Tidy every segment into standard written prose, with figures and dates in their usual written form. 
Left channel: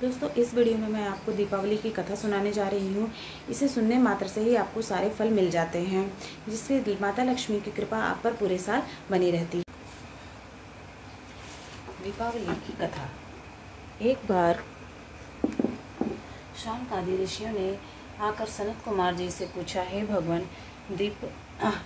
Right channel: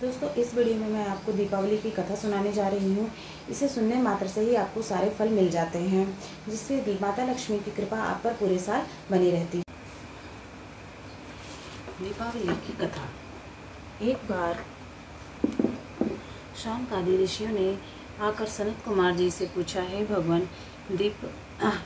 दोस्तों, इस वीडियो में मैं आपको दीपावली की कथा सुनाने जा रही हूँ। इसे सुनने मात्र से ही आपको सारे फल मिल जाते हैं, जिससे माता लक्ष्मी की कृपा आप पर पूरे साल बनी रहती है। दीपावली की कथा। एक बार शांकादि ऋषियों ने आकर सनत कुमार जी से पूछा, हे भगवान,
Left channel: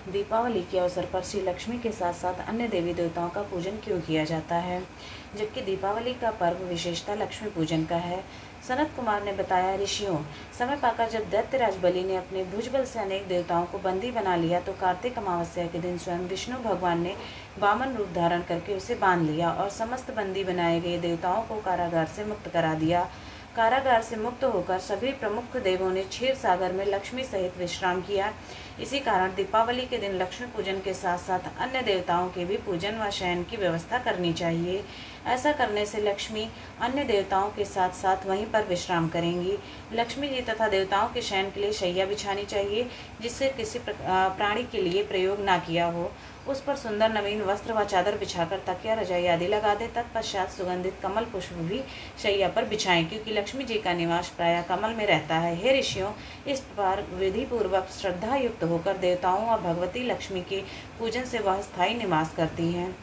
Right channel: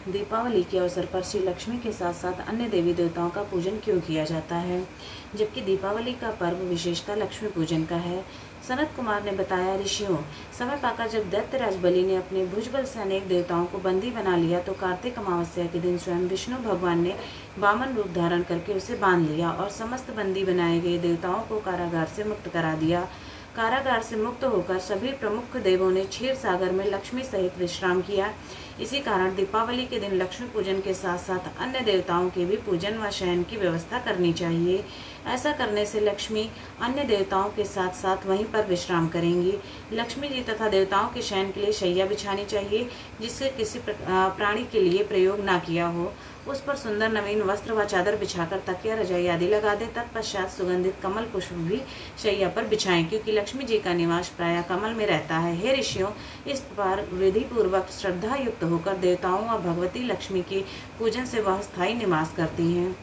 दीपावली के अवसर पर श्री लक्ष्मी के साथ साथ अन्य देवी देवताओं का पूजन क्यों किया जाता है, जबकि दीपावली का पर्व विशेषता लक्ष्मी पूजन का है। सनत कुमार ने बताया, ऋषियों, समय पाकर जब दैत्यराज बलि ने अपने भुजबल से अनेक देवताओं को बंदी बना लिया तो कार्तिक अमावस्या के दिन स्वयं विष्णु भगवान ने वामन रूप धारण करके उसे बांध लिया और समस्त बंदी बनाए गए देवताओं को कारागार से मुक्त करा दिया। कारागार से मुक्त होकर सभी प्रमुख देवों ने क्षीर सागर में लक्ष्मी सहित विश्राम किया। इसी कारण दीपावली के दिन लक्ष्मी पूजन के साथ साथ अन्य देवताओं के भी पूजन व शयन की व्यवस्था करनी चाहिए। ऐसा करने से लक्ष्मी अन्य देवताओं के साथ साथ वहीं पर विश्राम करेंगी। लक्ष्मी जी तथा देवताओं के शयन के लिए शैया बिछानी चाहिए, जिससे किसी प्राणी के लिए प्रयोग ना किया हो। उस पर सुंदर नवीन वस्त्र व चादर बिछाकर तकिया रजाई आदि लगा दे। तत्पश्चात सुगंधित कमल पुष्प भी शैया पर बिछाएं, क्योंकि लक्ष्मी जी का निवास प्रायः कमल में रहता है। हे ऋषियों, इस प्रकार विधि पूर्वक श्रद्धा युक्त होकर देवताओं और भगवती लक्ष्मी के पूजन से वह स्थायी निवास करती हैं।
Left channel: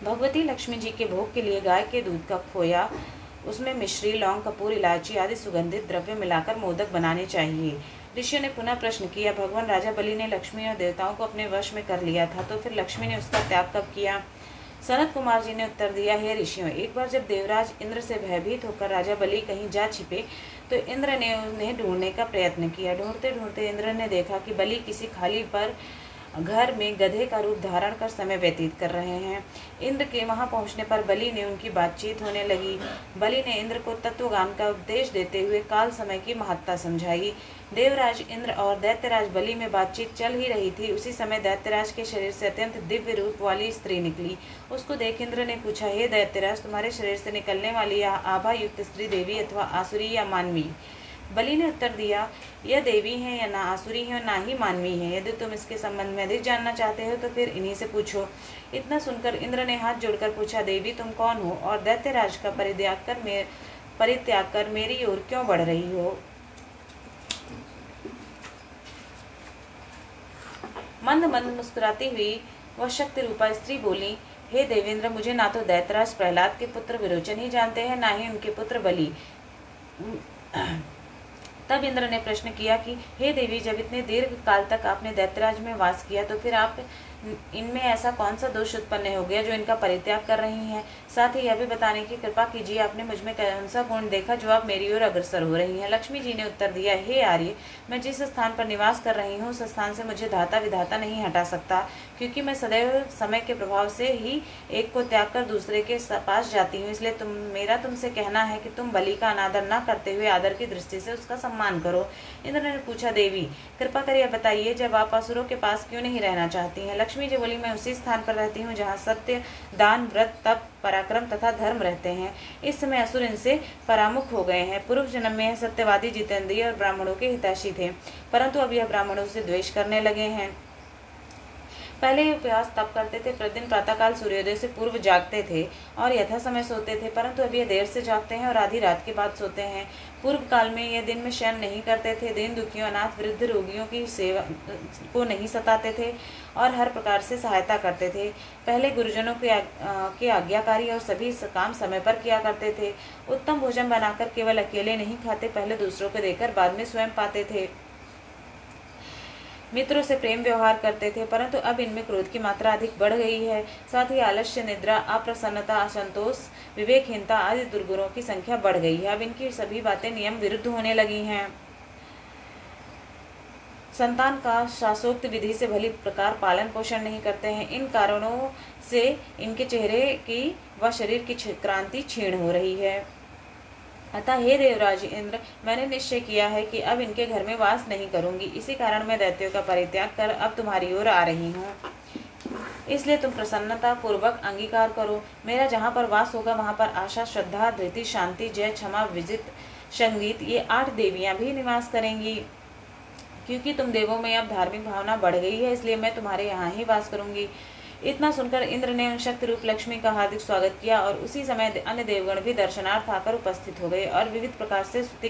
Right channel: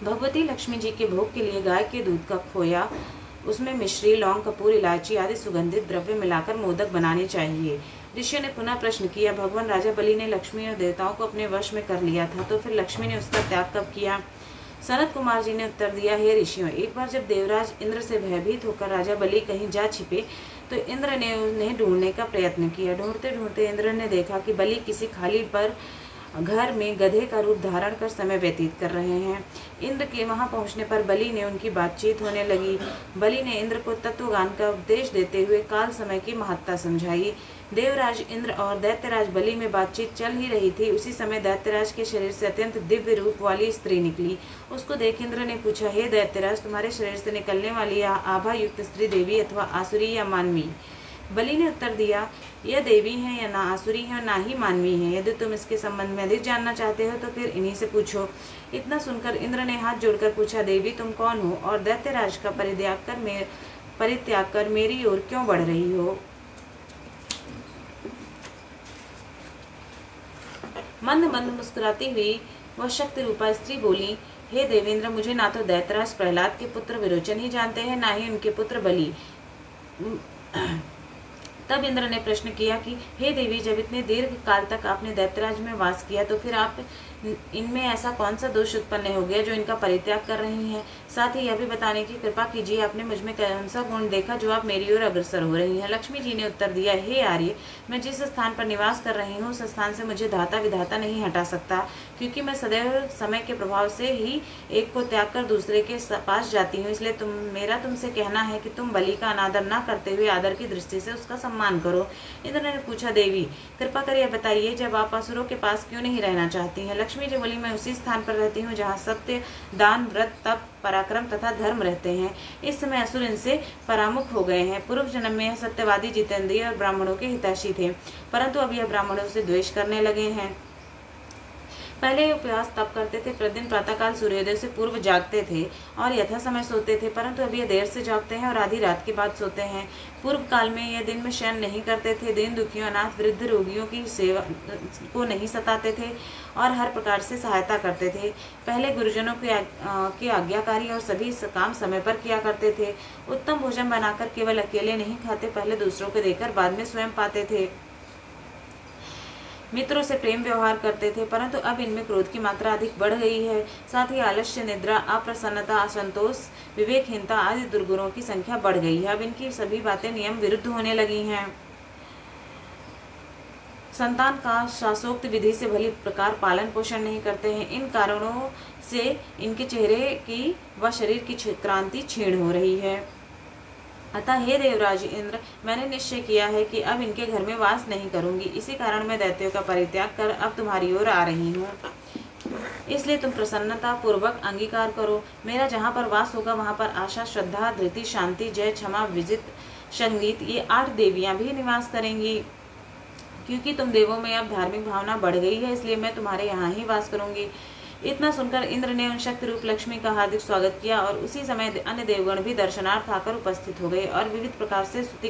भगवती लक्ष्मी जी के भोग के लिए गाय के दूध का खोया, उसमें मिश्री, लौंग, कपूर, इलायची आदि सुगंधित द्रव्य मिलाकर मोदक बनाने चाहिए। ऋषि ने पुनः प्रश्न किया, भगवान राजा बलि ने लक्ष्मी और देवताओं को अपने वश में कर लिया था, तो फिर लक्ष्मी ने उसका त्याग कब किया? सनत कुमार जी ने उत्तर दिया, हे ऋषियों, एक बार जब देवराज इंद्र से भयभीत होकर राजा बलि कहीं जा छिपे तो इंद्र ने उन्हें ढूंढने का प्रयत्न किया। ढूंढते ढूंढते इंद्र ने देखा कि बलि किसी खाली पर घर में गधे का रूप धारण कर समय व्यतीत कर रहे हैं। इंद्र के वहां पहुंचने पर बलि ने उनकी बातचीत होने लगी। बलि ने इंद्र को तत्वज्ञान का उपदेश देते हुए काल समय की महत्ता समझाई। देवराज इंद्र और दैत्यराज बलि में बातचीत चल ही रही थी। उसी समय दैत्यराज के शरीर से अत्यंत दिव्य रूप वाली स्त्री निकली। उसको देख इंद्र ने पूछा, हे दैत्यराज, तुम्हारे शरीर से निकलने वाली यह आभा युक्त स्त्री देवी अथवा आसुरी या मानवी? बलि ने उत्तर दिया, यह देवी है या ना आसुरी है ना ही मानवी है। यदि तुम इसके संबंध में अधिक जानना चाहते हो तो फिर इन्हीं से पूछो। इतना सुनकर इंद्र ने हाथ जोड़कर पूछा, देवी तुम कौन हो और दैत्यराज का परित्याग कर मेरी ओर क्यों बढ़ रही हो? मंद मंद मुस्कुराती हुई वह शक्ति रूपा स्त्री बोली, हे देवेंद्र, मुझे ना तो दैत्यराज प्रहलाद के पुत्र विरोचन ही जानते हैं, ना ही उनके पुत्र बलि। तब इंद्र ने प्रश्न किया कि हे देवी, जब इतने दीर्घ काल तक आपने दैत्यराज में वास किया तो फिर आप इनमें ऐसा कौन सा दोष उत्पन्न हो गया जो इनका परित्याग कर रही हैं? साथ ही यह भी बताने की कृपा कीजिए, आपने मुझमें कौन सा गुण देखा जो आप मेरी ओर अग्रसर हो रही हैं? लक्ष्मी जी ने उत्तर दिया, हे आर्य, मैं जिस स्थान पर निवास कर रही हूँ उस स्थान से मुझे धाता विधाता नहीं हटा सकता, क्योंकि मैं सदैव समय के प्रभाव से ही एक को त्याग कर दूसरे के पास जाती हूँ। इसलिए मेरा तुमसे कहना है कि तुम बलि का अनादर न करते हुए आदर की दृष्टि से उसका सम्मान करो। इंद्र ने पूछा, देवी कृपा कर यह बताइए, जब आप असुरों के पास क्यों नहीं रहना चाहती हैं? लक्ष्मी जी बोली, मैं उसी स्थान पर रहती हूँ जहाँ सत्य, दान, व्रत, तप, पराक्रम तथा धर्म रहते हैं। इस समय असुर इनसे परामुख हो गए हैं। पूर्व जन्म में यह सत्यवादी, जितेंद्रिय और ब्राह्मणों के हितैषी थे, परंतु अब यह ब्राह्मणों से द्वेष करने लगे हैं। पहले ये उपवास तप करते थे, प्रतिदिन प्रातःकाल सूर्योदय से पूर्व जागते थे और यथा समय सोते थे, परंतु अब ये देर से जागते हैं और आधी रात के बाद सोते हैं। पूर्व काल में ये दिन में शयन नहीं करते थे, दीन दुखियों, अनाथ, वृद्ध, रोगियों की सेवा को नहीं सताते थे और हर प्रकार से सहायता करते थे। पहले गुरुजनों के आज्ञाकारी और सभी काम समय पर किया करते थे। उत्तम भोजन बनाकर केवल अकेले नहीं खाते, पहले दूसरों को देकर बाद में स्वयं पाते थे। मित्रों से प्रेम व्यवहार करते थे, परंतु अब इनमें क्रोध की मात्रा अधिक बढ़ गई है। साथ ही आलस्य, निद्रा, अप्रसन्नता, असंतोष, विवेकहीनता आदि दुर्गुणों की संख्या बढ़ गई है। अब इनकी सभी बातें नियम विरुद्ध होने लगी हैं। संतान का शास्त्रोक्त विधि से भली प्रकार पालन पोषण नहीं करते हैं। इन कारणों से इनके चेहरे की व शरीर की क्रांति क्षीण हो रही है। अतः हे देवराज इंद्र, मैंने निश्चय किया है कि अब इनके घर में वास नहीं करूंगी। इसी कारण मैं दैत्यों का परित्याग कर अब तुम्हारी ओर आ रही हूँ। इसलिए तुम प्रसन्नता पूर्वक अंगीकार करो। मेरा जहाँ पर वास होगा वहाँ पर आशा, श्रद्धा, धृति, शांति, जय, क्षमा, विजित, संगीत, ये 8 देवियां भी निवास करेंगी। क्योंकि तुम देवों में अब धार्मिक भावना बढ़ गई है, इसलिए मैं तुम्हारे यहाँ ही वास करूंगी। इतना सुनकर इंद्र ने उन शक्ति रूप लक्ष्मी का हार्दिक स्वागत किया और उसी समय अन्य देवगण भी दर्शनार्थ आकर उपस्थित हो गए और विविध प्रकार से स्तुति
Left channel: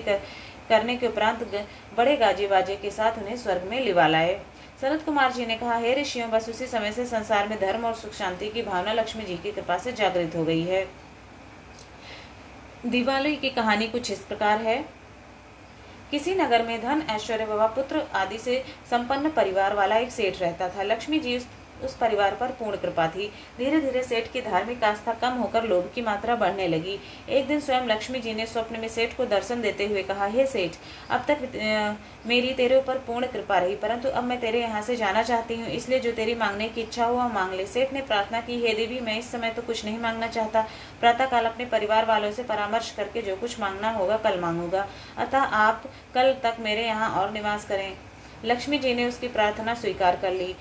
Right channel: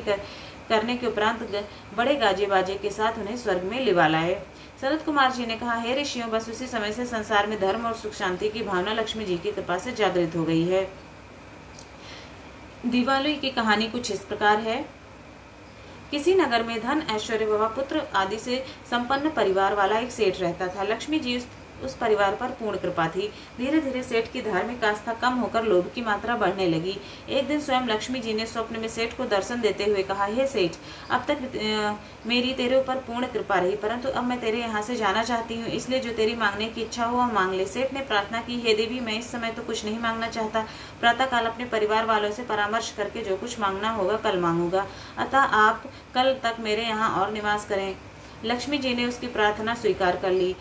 करने के उपरांत बड़े गाजे बाजे के साथ उन्हें स्वर्ग में लिवा लाए। सनत कुमार जी ने कहा, हे ऋषियों, बस उसी समय से संसार में धर्म और सुख शांति की भावना लक्ष्मी जी की कृपा से जागृत हो गई है। दिवाली की कहानी कुछ इस प्रकार है। किसी नगर में धन, ऐश्वर्य व पुत्र आदि से संपन्न परिवार वाला एक सेठ रहता था। लक्ष्मी जी उस परिवार पर पूर्ण कृपा थी। धीरे धीरे सेठ की धार्मिक आस्था कम होकर लोभ की मात्रा बढ़ने लगी। एक दिन स्वयं लक्ष्मी जी ने स्वप्न में सेठ को दर्शन देते हुए कहा, हे सेठ, अब तक मेरी तेरे ऊपर पूर्ण कृपा रही, परंतु अब मैं तेरे यहाँ से जाना चाहती हूँ, इसलिए जो तेरी मांगने की इच्छा हो वह मांग ले। सेठ ने प्रार्थना की, हे देवी, मैं इस समय तो कुछ नहीं मांगना चाहता। प्रातः काल अपने परिवार वालों से परामर्श करके जो कुछ मांगना होगा कल मांगूंगा, अतः आप कल तक मेरे यहाँ और निवास करें। लक्ष्मी जी ने उसकी प्रार्थना स्वीकार कर ली।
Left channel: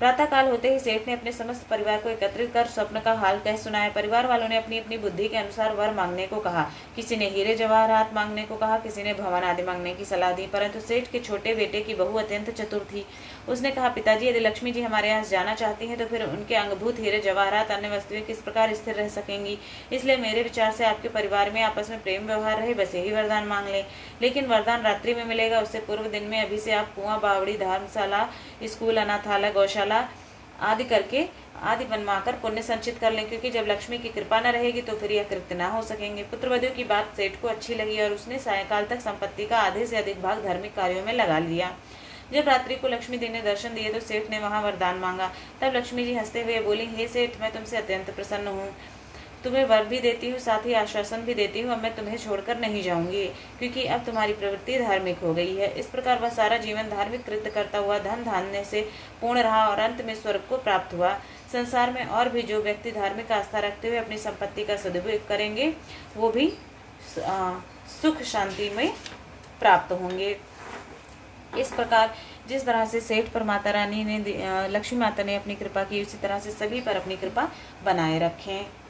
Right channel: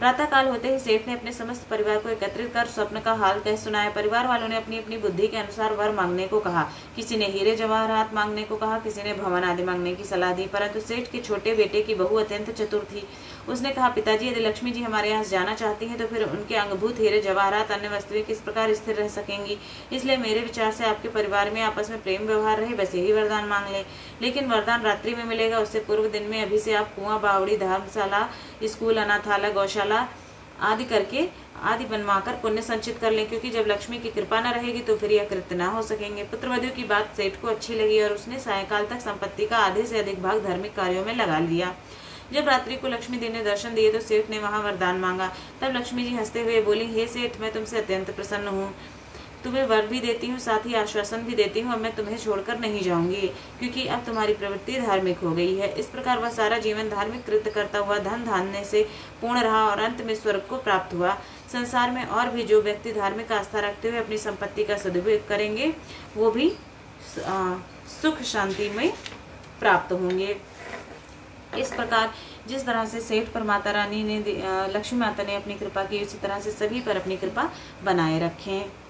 प्रातः काल होते ही सेठ ने अपने समस्त परिवार को एकत्रित कर स्वप्न का हाल कह सुनाया। परिवार वालों ने अपनी अपनी बुद्धि के अनुसार वर मांगने को कहा। किसी ने हीरे जवाहरात मांगने को कहा, किसी ने भवन आदि मांगने की सलाह दी, परंतु सेठ के छोटे बेटे की बहू अत्यंत चतुर थी। उसने कहा, पिताजी, यदि लक्ष्मी जी हमारे यहाँ जाना चाहती हैं तो फिर उनके अंगभूत हीरे जवाहरात अन्य वस्तुएं किस प्रकार स्थिर रह सकेंगी। इसलिए मेरे विचार से आपके परिवार में आपस में प्रेम व्यवहार रहे, बस यही वरदान मांग लें। लेकिन वरदान रात्रि में मिलेगा, उससे पूर्व दिन में अभी से आप कुआं, बावड़ी, धर्मशाला, स्कूल, अनाथालय, गौशाला आदि बनवाकर पुण्य संचित कर लें, क्योंकि जब लक्ष्मी की कृपा न रहेगी तो फिर यह कृत्य न हो सकेंगे। पुत्रवधू की बात सेठ को अच्छी लगी और उसने सायंकाल तक संपत्ति का आधे से अधिक भाग धार्मिक कार्यों में लगा लिया। जब रात्रि को लक्ष्मी देवी ने दर्शन दिए तो सेठ ने वहां वरदान मांगा। तब लक्ष्मी जी हंसते हुए बोली, हे सेठ, मैं तुमसे अत्यंत प्रसन्न हूँ। तुम्हें वर भी देती हूँ, साथ ही आश्वासन भी देती हूँ, अब मैं तुम्हें छोड़कर नहीं जाऊंगी, क्योंकि अब तुम्हारी प्रवृत्ति धार्मिक हो गई है। इस प्रकार वह सारा जीवन धार्मिक कृत्य करता हुआ धन धान्य से पूर्ण रहा और अंत में स्वर्ग को प्राप्त हुआ। संसार में और भी जो व्यक्ति धार्मिक आस्था रखते हुए अपनी संपत्ति का सदुपयोग करेंगे वो भी सुख शांति में प्राप्त होंगे। इस प्रकार जिस तरह से सेठ पर माता रानी ने, लक्ष्मी माता ने अपनी कृपा की, उसी तरह से सभी पर अपनी कृपा बनाए रखें।